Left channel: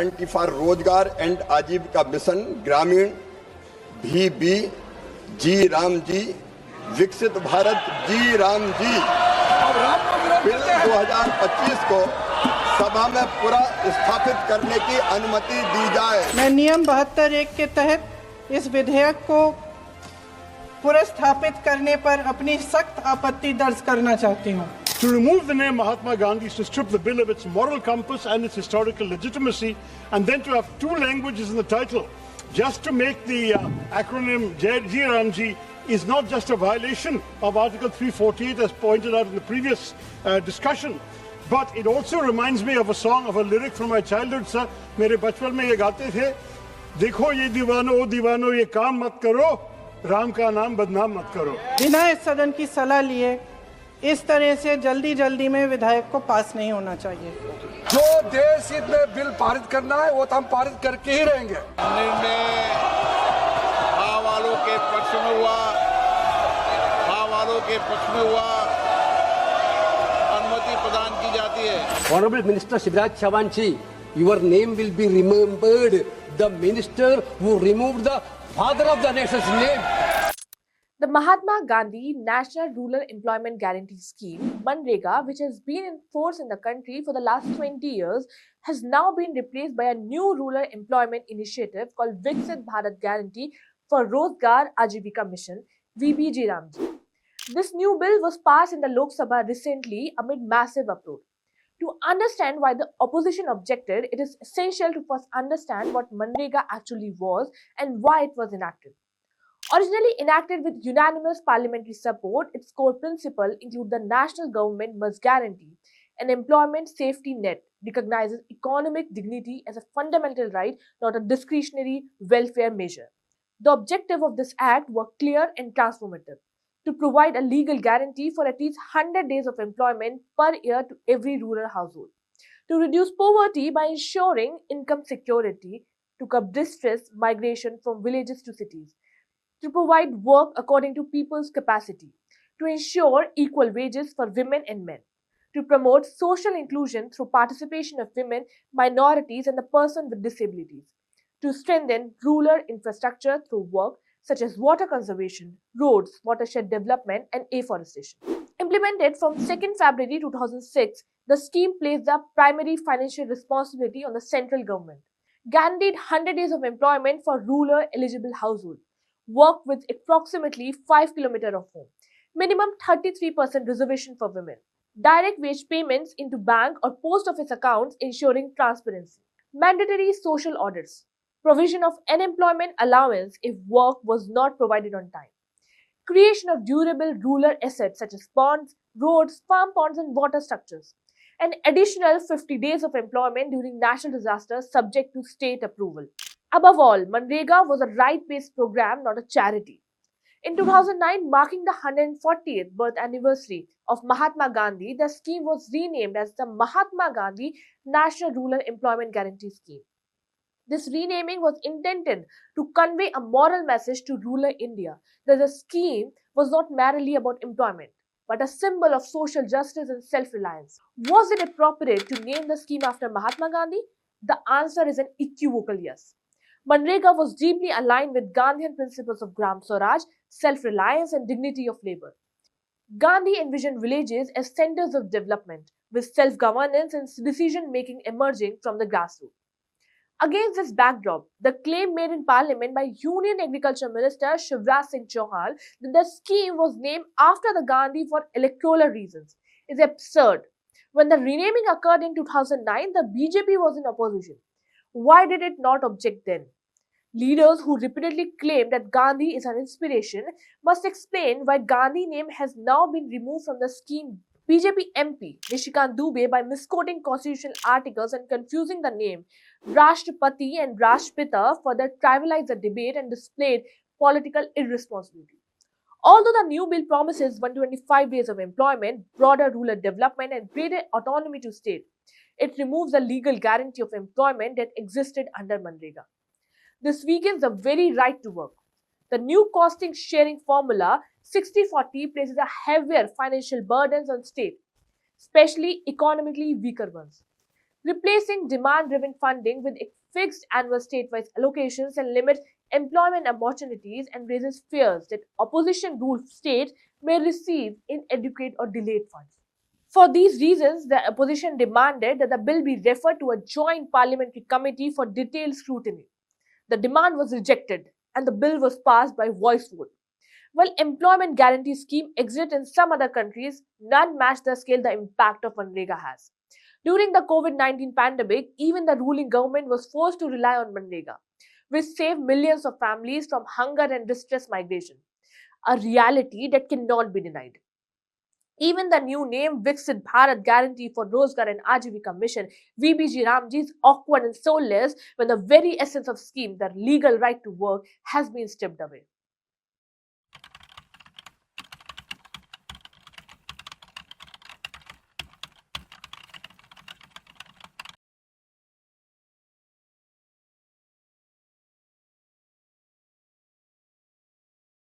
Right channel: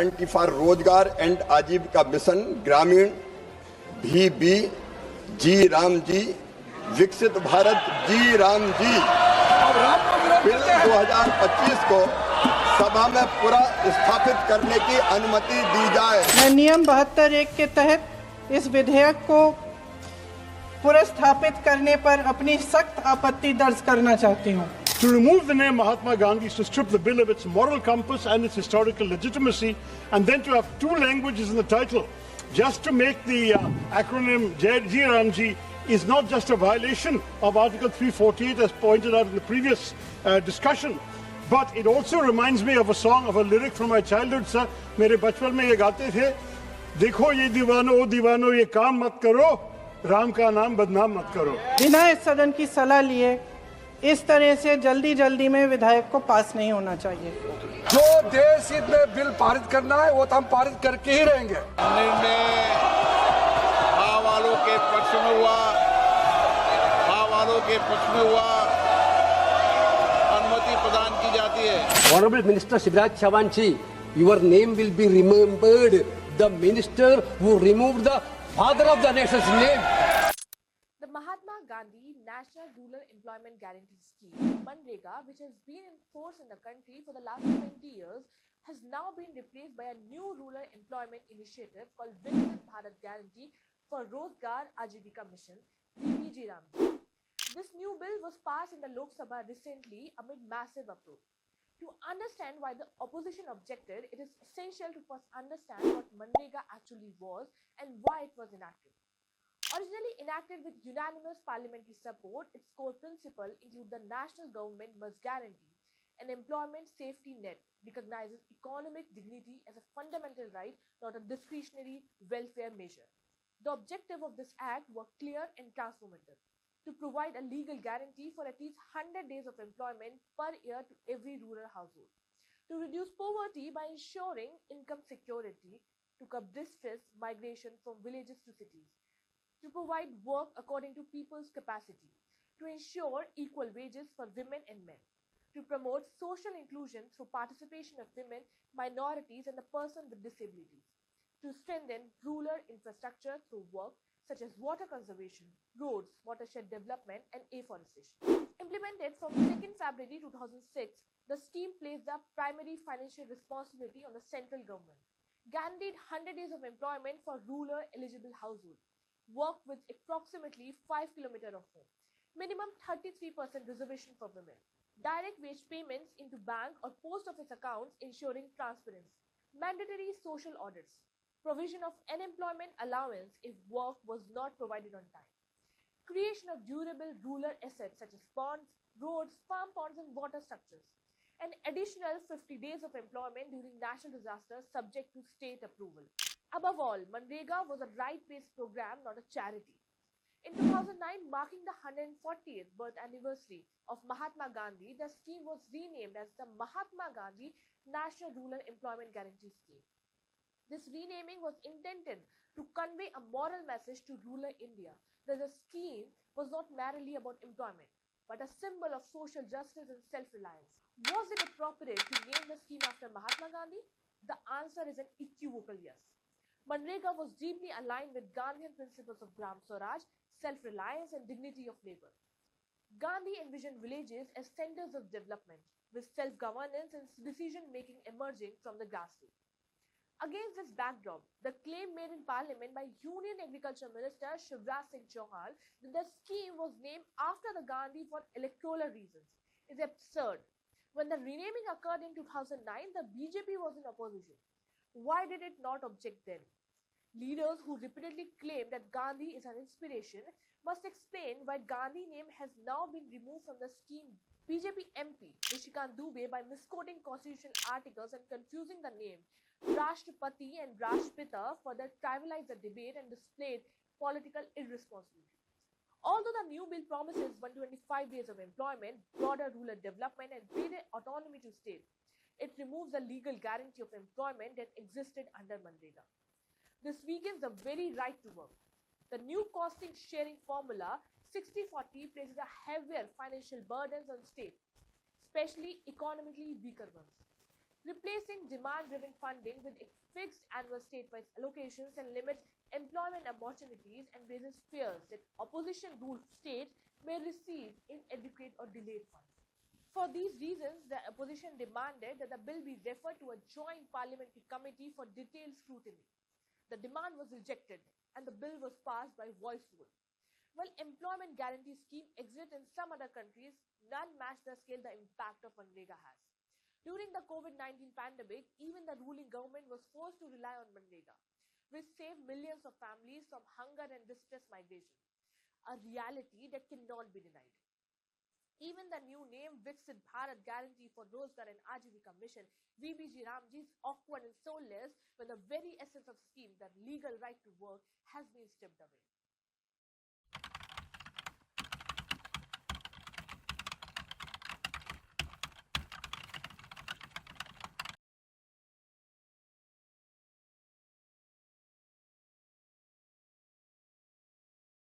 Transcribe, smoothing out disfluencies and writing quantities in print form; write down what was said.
Guarantee for रोजगार and आजीविका mission ग्रामीण VB जी राम जी, विकसित भारत जी राम जी बिल 2025 को सभा में पूरा स्थापित करने की अनुमति दी जाए। मैं नियम 72(1) के तहत इस विधेयक को पुनर्स्थापित करने पर अपनी सख्त आपत्ति दर्ज करना चाहती हूँ। To remove the name Mahatma Gandhi is to strip the bill of its moral compass and its historical legitimacy, and then to have two languages in the title, just to make the acronym Ji Ramji, is not just a violation of Article 348 as pointed out in the previous discussion, but it also reminds me of a song, of a lyric from my childhood, sir. मेरे बचपन में ये गाते थे, देखो ये दीवानो ये काम मत करो, राम का नाम बदनाम मत करो। बिना इस सदन की सलाह लिए इस तरह से जल्दी में विधायक को पास नहीं होना चाहिए। जो देश हित में बिल पारित करना है वो तो हम पारित करके ही रहेंगे। निर्णय हाँ वालों के पक्ष में हुआ, हाँ वालों के पक्ष में हुआ, अनुमति प्रदान की जाती है। Honorable Minister Shivraj Chauhan ji, your name will be remembered. The minister who removed the father of the nation's name. The Mahatma Gandhi National Rural Employment Guarantee Scheme, MNREGA, which has been in force in the country for the last 20 years, has now been replaced by a new rural employment initiative called Viksit Bharat Guarantee for Rozgar Ajivika Mission, VBG Ramji. This new bill was passed in the Lok Sabha recently amid massive uproar. To understand why the opposition objected, it is essential to first understand what MNREGA actually was and why it was enacted. Originally enacted with unanimous parliamentary support, its core principle include the national government must guarantee an employment safety net, recognizes economic dignity as a fundamental right, not a discretionary welfare measure. The objective of this act were clear and transformative: to provide a legal guarantee for at least 100 days of employment per year to every rural household, to reduce poverty by ensuring income security, to curb distress migration from villages to cities, to provide work according to people's capacity, to ensure equal wages for women and men, to promote social inclusion through participation of women, minorities, and the person with disabilities, to strengthen rural infrastructure through work such as water conservation, roads, watershed development, and afforestation. Implemented from 2nd February 2006, the scheme placed the primary financial responsibility on the central government, guaranteed 100 days of employment for rural eligible households, work with approximately 5 km of home, minimum 33% reservation for women, direct wage payments into bank or post office accounts ensuring transparency, mandatory social audits, provision of unemployment allowance if work was not provided on time, creation of durable rural assets such as ponds, roads, farm ponds, and water structures, an additional 50 days of employment during national disasters subject to state approval. Above all, MNREGA was a right-based program, not a charity. In 2009, marking the 140th birth anniversary of Mahatma Gandhi, the scheme was renamed as the Mahatma Gandhi National Rural Employment Guarantee Scheme. This renaming was intended to convey a moral message to rural India that the scheme was not merely about employment, but a symbol of social justice and self-reliance. Was it appropriate to name the scheme after Mahatma Gandhi? The answer is an equivocal yes. MNREGA was deeply aligned with Gandhian principles of Gram Swaraj, self-reliance, and dignity of labor. Gandhi envisioned villages as centers of development, with self-governance and decision-making emerging from the grassroots. Against this backdrop, the claim made in Parliament by Union Agriculture Minister Shivraj Singh Chauhan that the scheme was named after the Gandhi for electoral reasons is absurd. When the renaming occurred in 2009, the BJP was in opposition. Why did it not object then? Leaders who repeatedly claim that Gandhi is an inspiration must explain why Gandhi name has now been removed from the scheme. BJP MP Nishikant Dubey, by misquoting constitutional articles and confusing the name Rashtrapati and Rashtrapita, further trivialized the debate and displayed political irresponsibility. Although the new bill promises 125 days of employment, broader rural development, and greater autonomy to state, it removes the legal guarantee of employment that existed under MNREGA. This weakens the very right to work. The new costing sharing formula 60/40 places a heavier financial burdens on states, especially economically weaker ones. replacing demand-driven funding with fixed annual state-wise allocations and limits employment opportunities and raises fears that opposition-ruled states may receive inadequate or delayed funds. For these reasons, the opposition demanded that the bill be referred to a joint parliamentary committee for detailed scrutiny. The demand was rejected and the bill was passed by voice vote. While employment guarantee scheme exists in some other countries, none match the scale the impact of Manrega has. During the COVID-19 pandemic, even the ruling government was forced to rely on Manrega, which saved millions of families from hunger and distress migration, a reality that cannot be denied. Even the new name Viksit Bharat Guarantee for Rozgar and Ajivika Mission, VBG Ramji, is awkward and soulless when the very essence of scheme, the legal right to work, has been stripped away.